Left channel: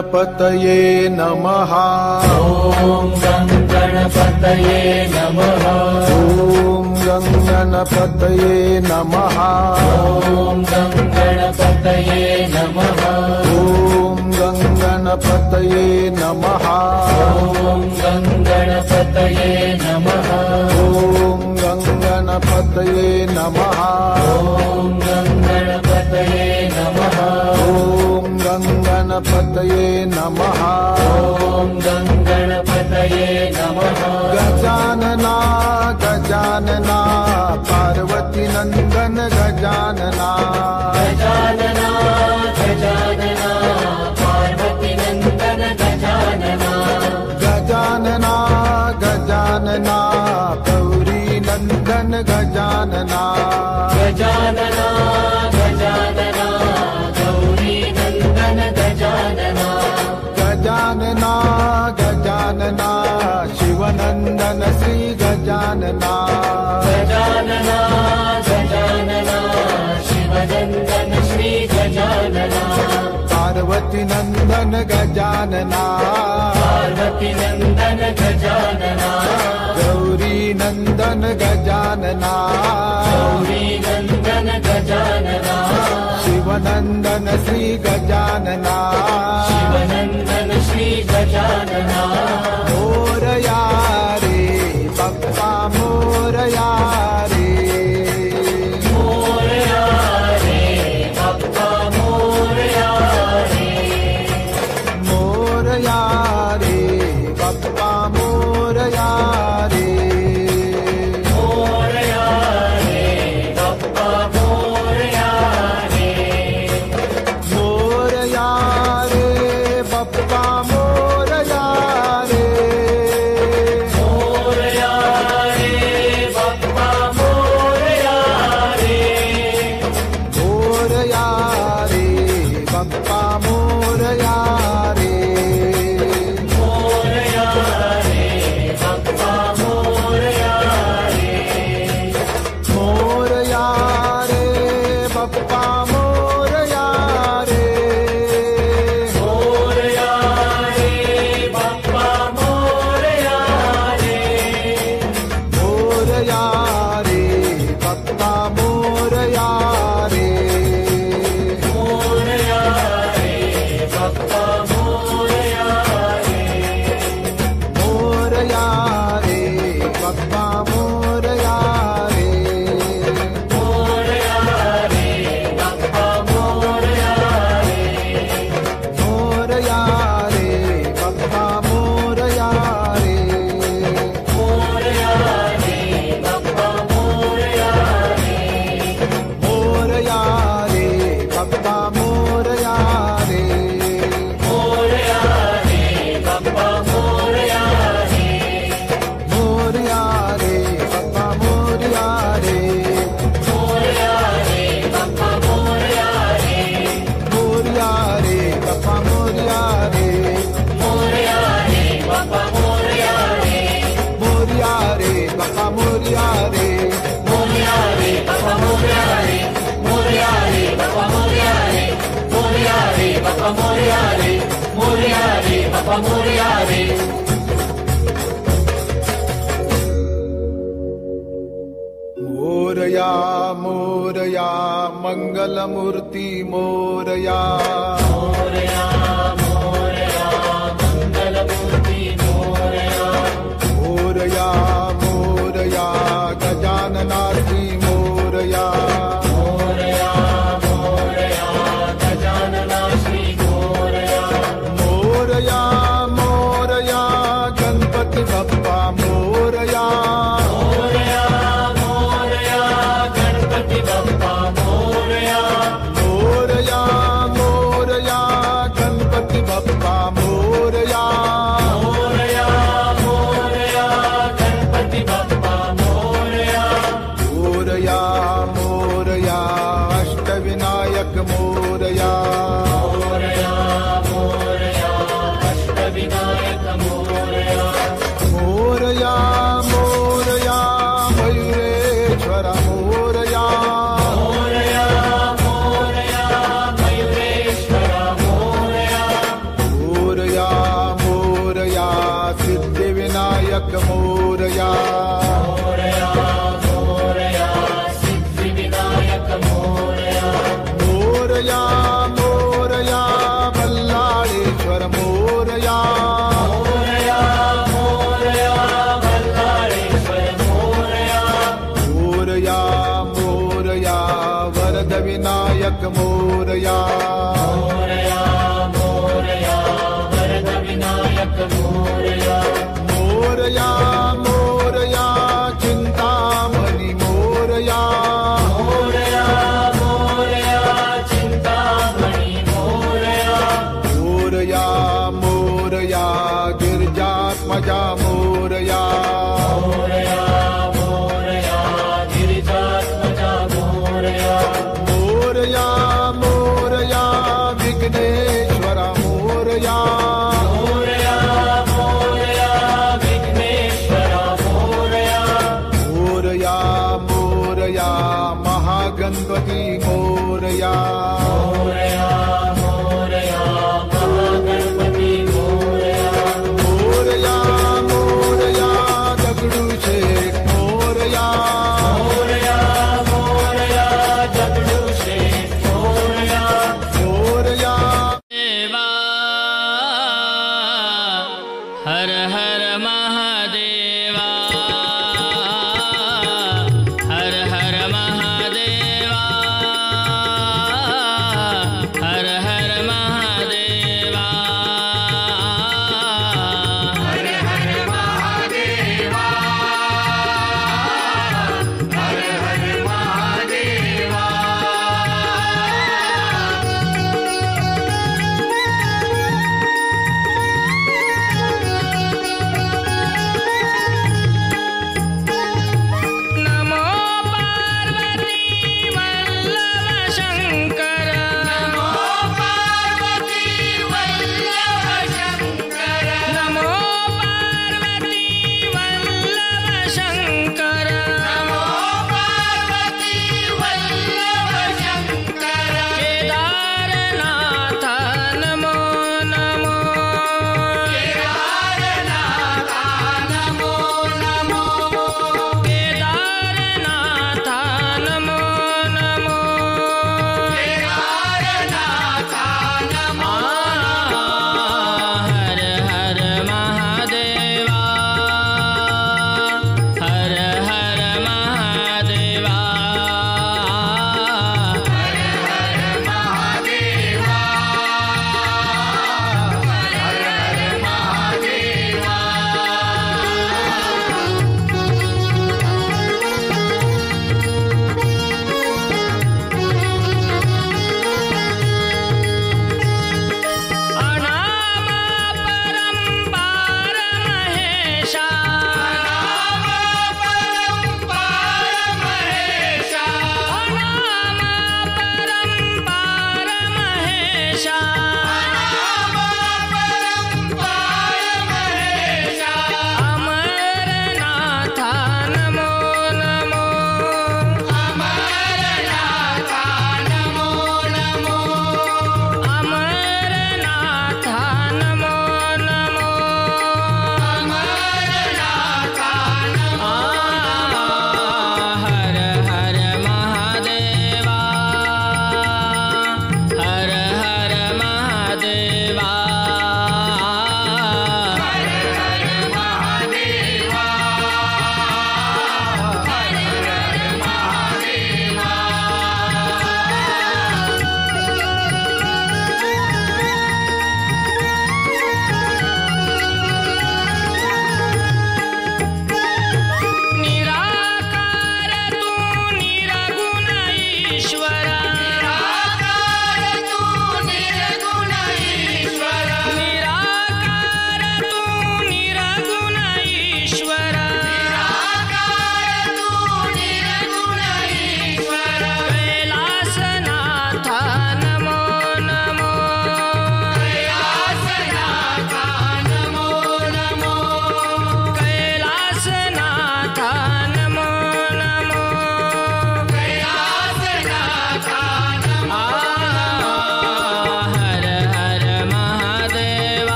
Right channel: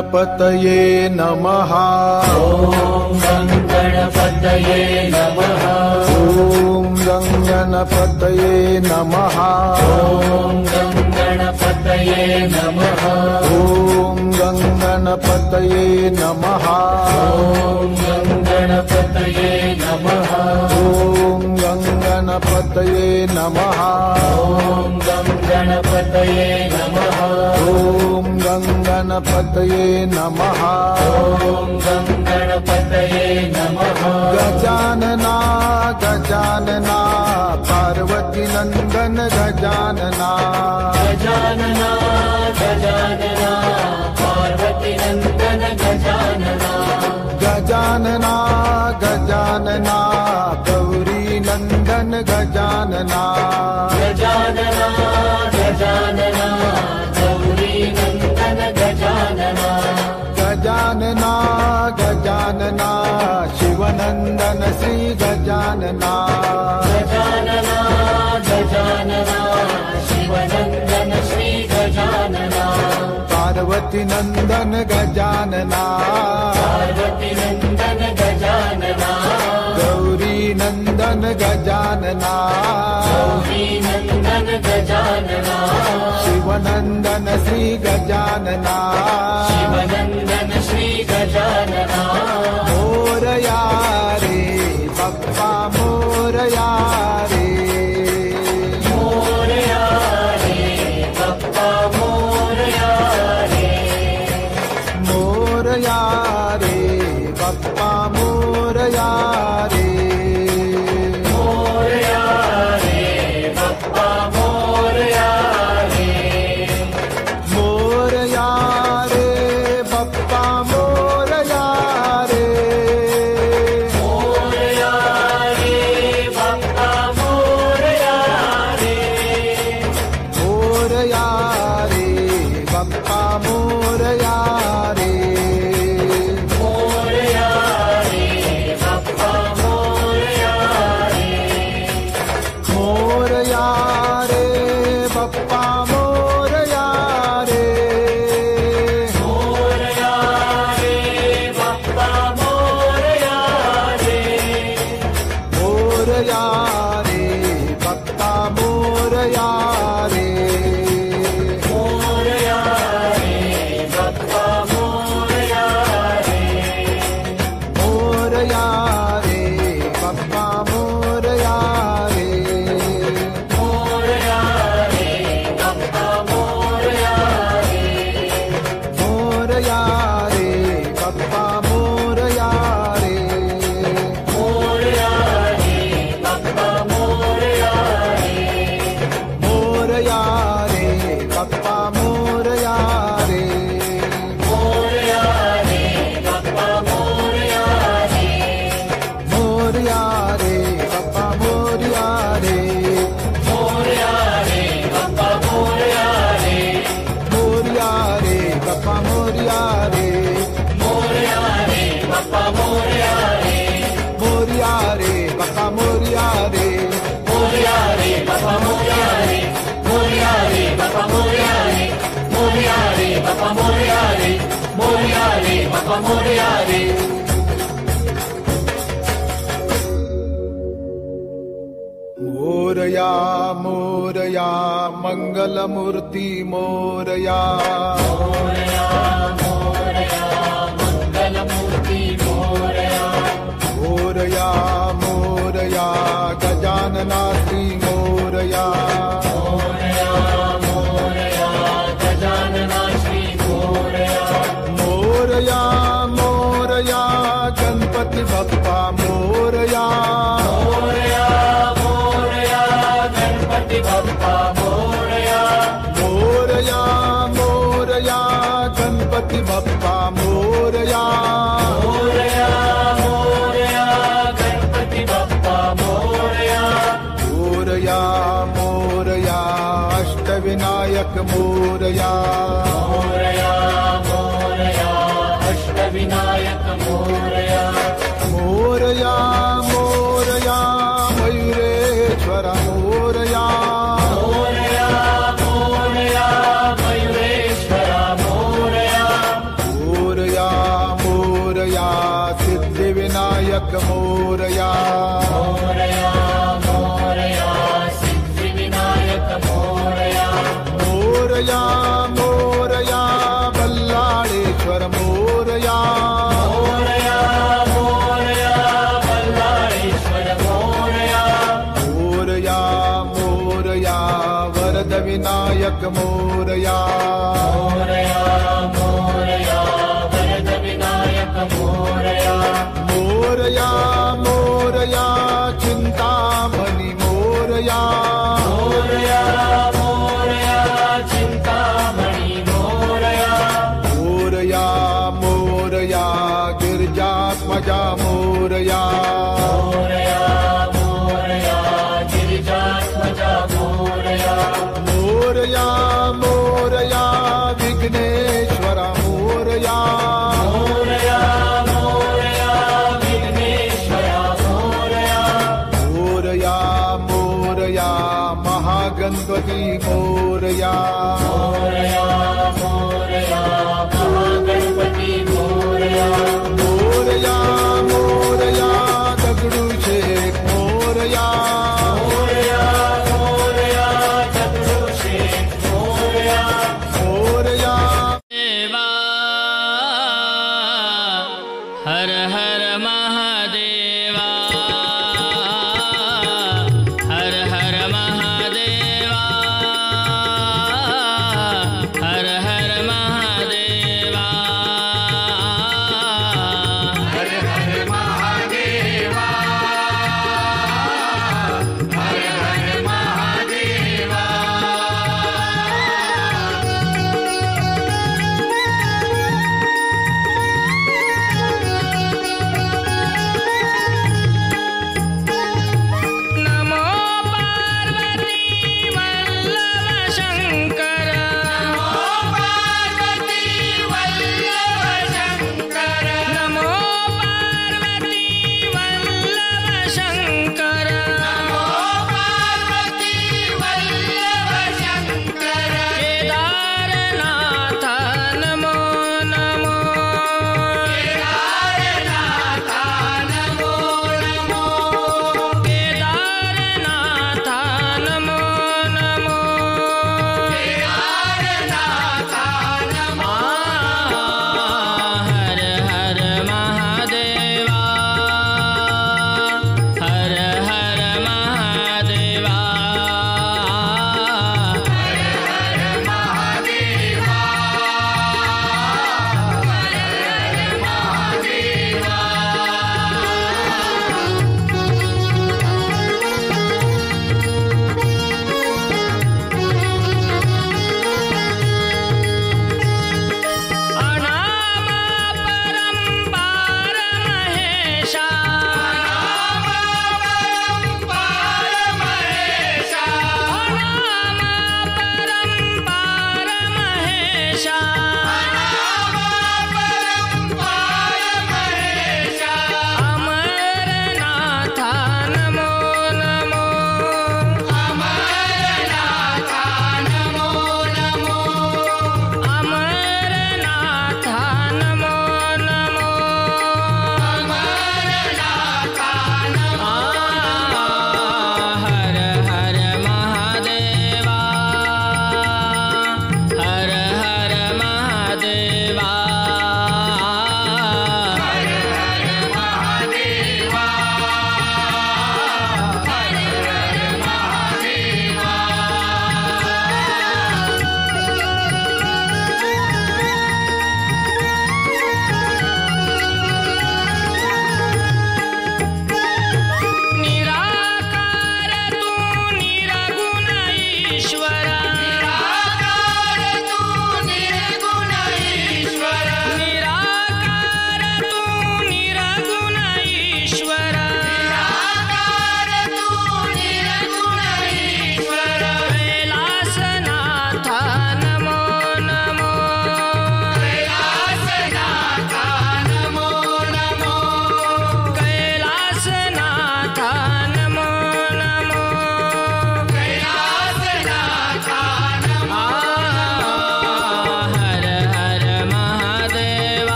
गणपतये नमः। ॐ गं गणपतये नमः। ॐ गं गणपतये नमः। ॐ गं गणपतये नमः। ॐ गं गणपतये नमः। गजानना गजानना पार्वती नंदन गजानना। गजानना गजानना गौरी नंदन गजानना। गजानना गजानना शिवनंदन श्री गजानना। पार्वती नंदन गजानना। गौरी नंदन गजानना। शिवनंदन श्री गजानना। मोरया रे बप्पा मोरया रे। मोरया रे बप्पा मोरया रे। मोरया रे बप्पा मोरया रे। मोरया रे बप्पा मोरया रे। मोरया रे बप्पा मोरया रे। मोरया रे बप्पा मोरया रे। मोरया रे बप्पा मोरया रे। मोरया रे बप्पा मोरया रे। मोरया रे बप्पा मोरया रे। मोरया रे बप्पा मोरया रे। मोरया रे बप्पा मोरया रे। मोरया रे बप्पा मोरया रे। मोरया रे बप्पा मोरया रे। मोरया रे बप्पा मोरया रे। मोरया रे बप्पा मोरया रे। मोरया रे बप्पा मोरया रे। मोरया मोरया मंगलमूर्ति मोरया। मोरया मोरया गजानना श्री मोरया। मोरया मोरया गणपति बप्पा मोरया। मोरया मोरया गणपति बप्पा मोरया। मोरया मोरया अष्टविनायक मोरया। मोरया मोरया मयूरेश्वर मोरया। विनायक मोरया मोरया मोरया बल्लाळेश्वर मोरया मोरया मोरया वरद विनायक मोरया मोरया मोरया चिंतामणि मोरया मोरया मोरया गिरिजात्मजा मोरया मोरया मोरया विघ्नेश्वरा मोरया मोरया मोरया महागणपति मोरया मोरया मोरया दगडूशेठ मोरया मोरया देवा हर हर महादेवा हर हर महादेवा हर हर महादेवा नमो पार्वती वल्लभ शंकर नमो पार्वती वल्लभ शंकर केदारनाथ नमो नमो केदारनाथ नमो नमो हर हर महादेवा हर हर महादेवा अनामा परंपार महेशा अनामा परंपार महेशा अमरनाथ नमो नमो अमरनाथ नमो नमो हर हर महादेवा हर हर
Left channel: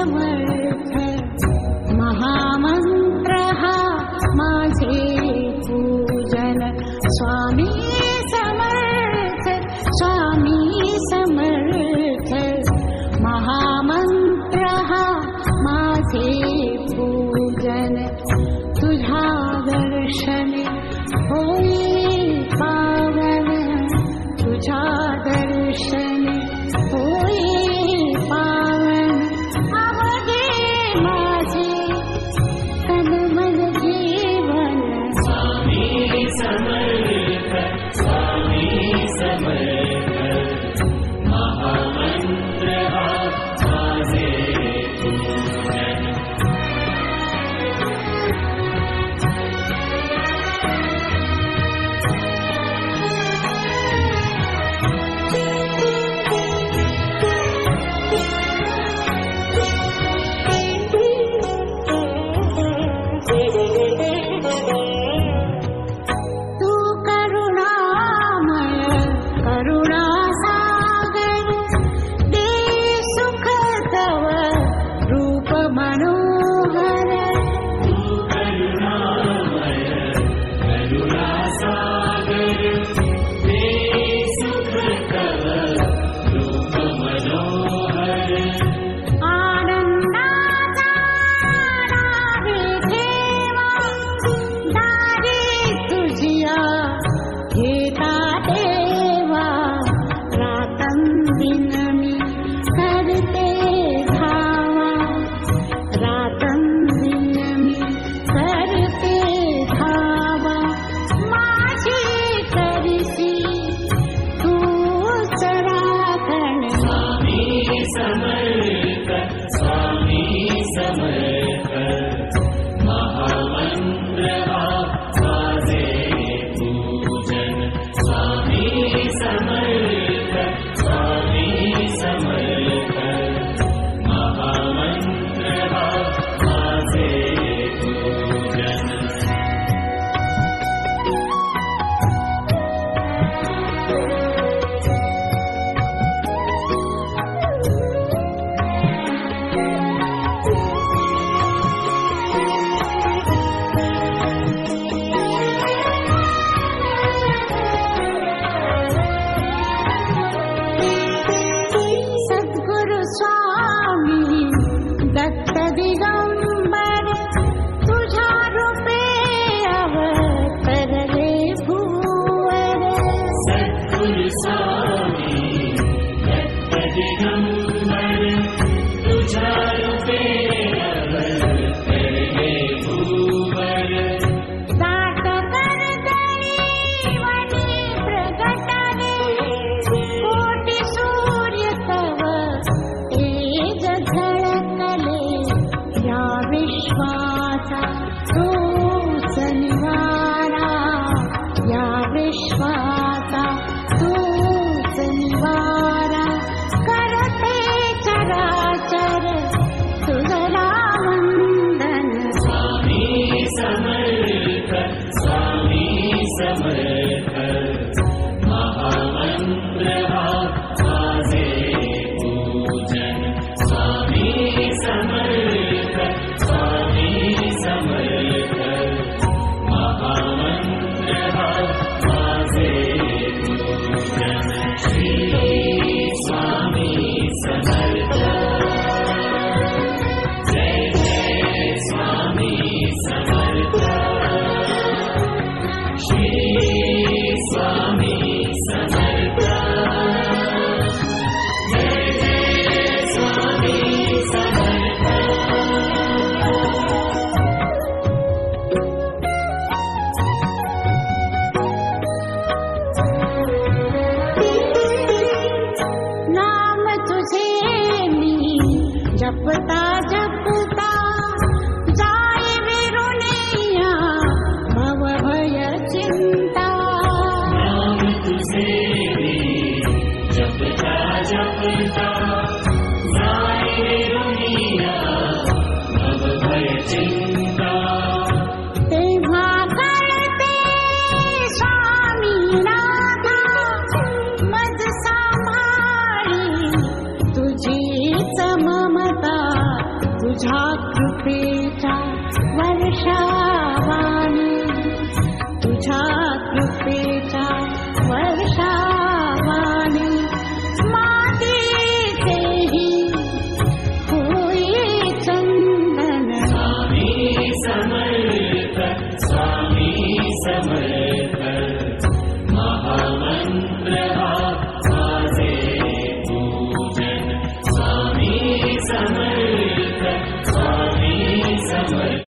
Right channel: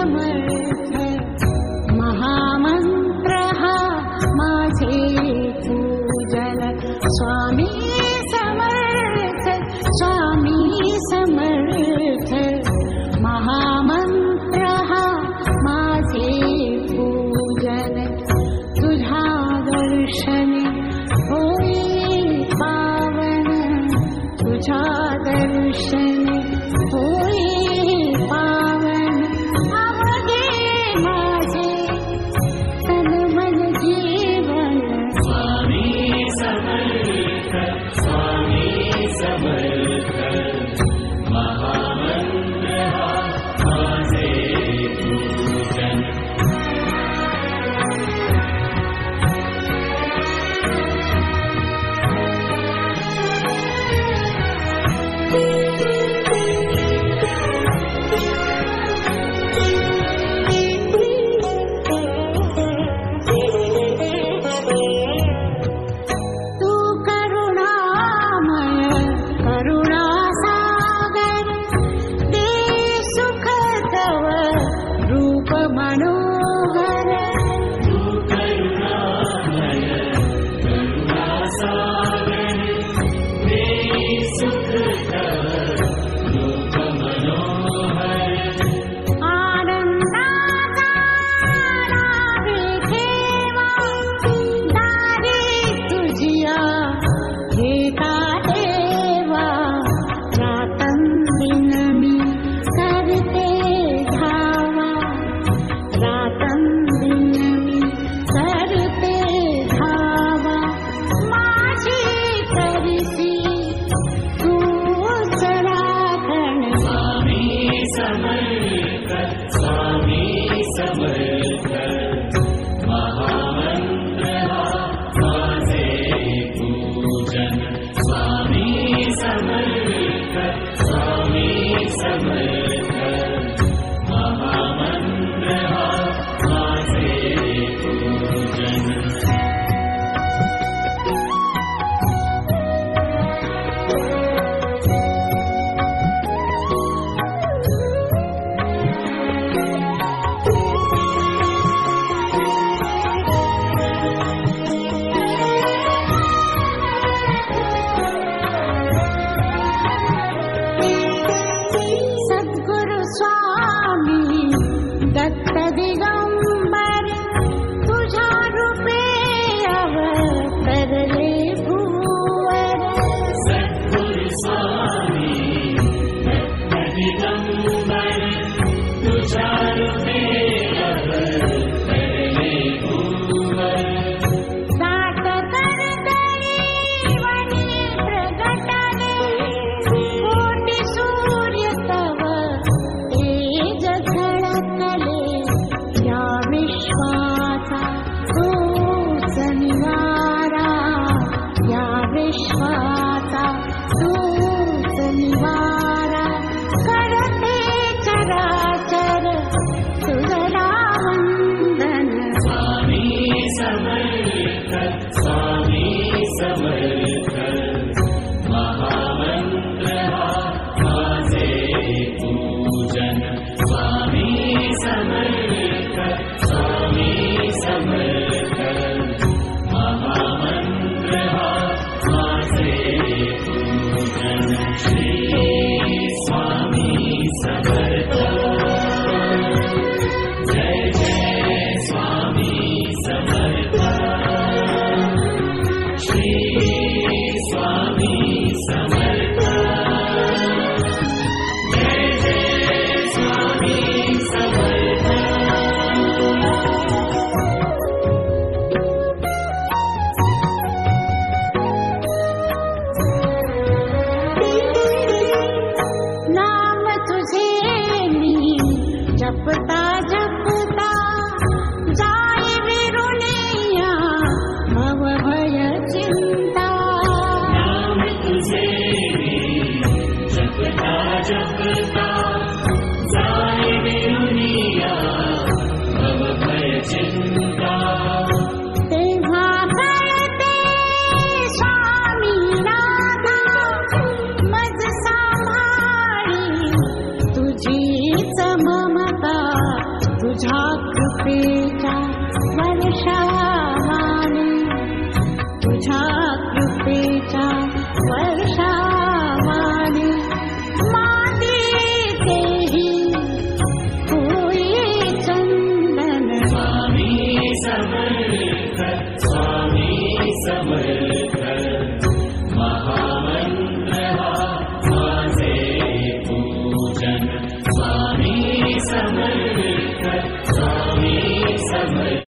समर्थ महामंत्र हा माझे पूजन स्वामी समर्थ स्वामी समर्थ महामंत्र हा माझे पूजन तुझ्या दर्शने होई पावन तुझ्या दर्शने होई पावन आवडे माझे तन मन जीवन स्वामी समर्थ स्वामी समर्थ महामंत्र हा माझे पूजन मनोहर तू करुणामय करुणासागर दे सुख तव रूप मनोहर आनंदाचा नावे ठेवा दारी तुझिया घेता देवा रातंदिन मी करते धावा रातंदिन मी करते धावा माझी करसी तूच राखण स्वामी समर्थ स्वामी समर्थ महामंत्र हा माझे पूजन स्वामी समर्थ स्वामी समर्थ महामंत्र हा माझे पूजन सद्गुरु स्वामी दत्त दिगंबर तुझ्या रूपे अवतरले भूवर सद्गुरु स्वामी दत्त दिगंबर तुझ्या रूपे अवतरले भूवर दाट करदळी वनी प्रगटले कोटी सूर्य तव तेज झळकले या विश्वाचा तूच निवारा या विश्वाचा तूच निवारा करते चराचर तुझला वंदन स्वामी समर्थ स्वामी समर्थ महामंत्र हा माझे पूजन स्वामी समर्थ स्वामी समर्थ महामंत्र हा माझे पूजन श्री स्वामी समर्थ जय जय स्वामी समर्थ श्री स्वामी समर्थ जय जय स्वामी समर्थ नाम तुझे मी जपता जपता जाय विरुनिया भव भय चिंता नाम तुझे मी जपता जपता जाय विरुनिया भव भय चिंता तेव्हा कळते स्वामी नाथा मज सांभाळी तुझीच ममता तुझ्या कृपेच्या वर्षावाने, तुझ्या कृपेच्या वर्षावाने मातीचेही होई चंदन. स्वामी समर्थ, स्वामी समर्थ, महामंत्र हा माझे पूजन. स्वामी समर्थ, स्वामी समर्थ.